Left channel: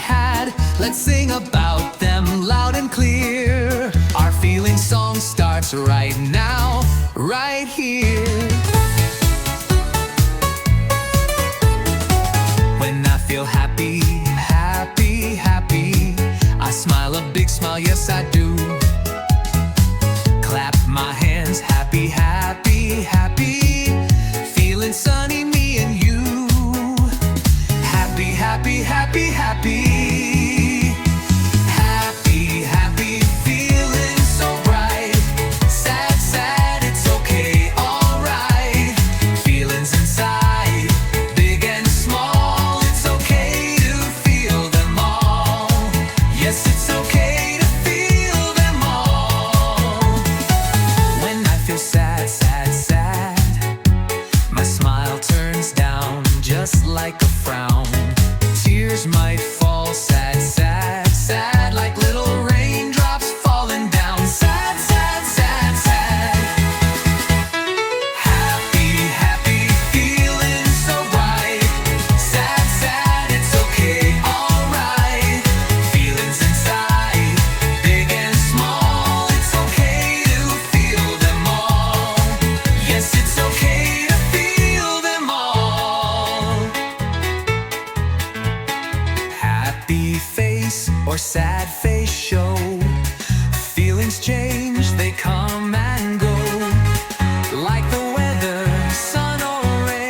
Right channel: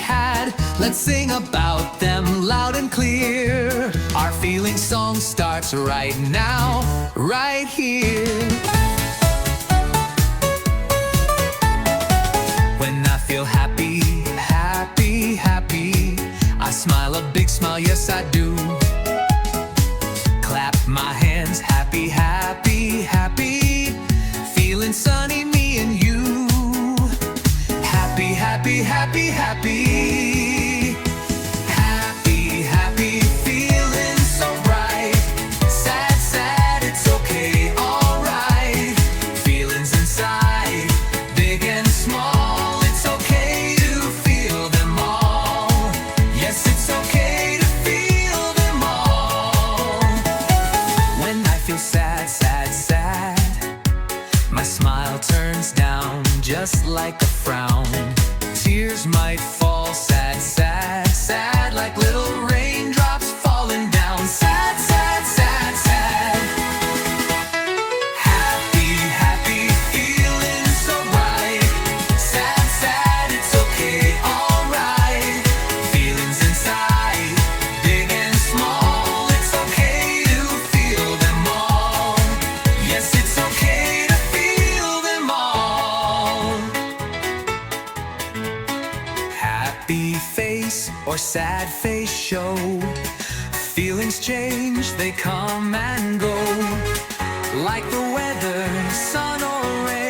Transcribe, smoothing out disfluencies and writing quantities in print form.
had. Let's sing about them loud and clear. Our feeling song starts right now, right here. When I feel happy, happy, happy, I smile a big smile, yes I do. Clap my hands, happy, happy, happy, feeling sunny, me and you. Happy, happy, happy, happy, happy, happy, feeling so bright. Sad, sad, it's okay, alright. Feelings inside, big and small, it's okay to feel them all. Yes, it's okay to feel them all. When I feel sad, sad, sad, my smile turns down just like a frown. Tears might fall, sad, sad, sad, like little raindrops falling down. Sad, sad, sad, sad. Happy, happy, feeling so bright. Sad, sad, it's okay, alright. Feelings inside, big and small, it's okay to feel them all. Yes, it's okay to feel them all. Happy face or sad face show. Feelings change, they come and go, like the weather, sun or rain.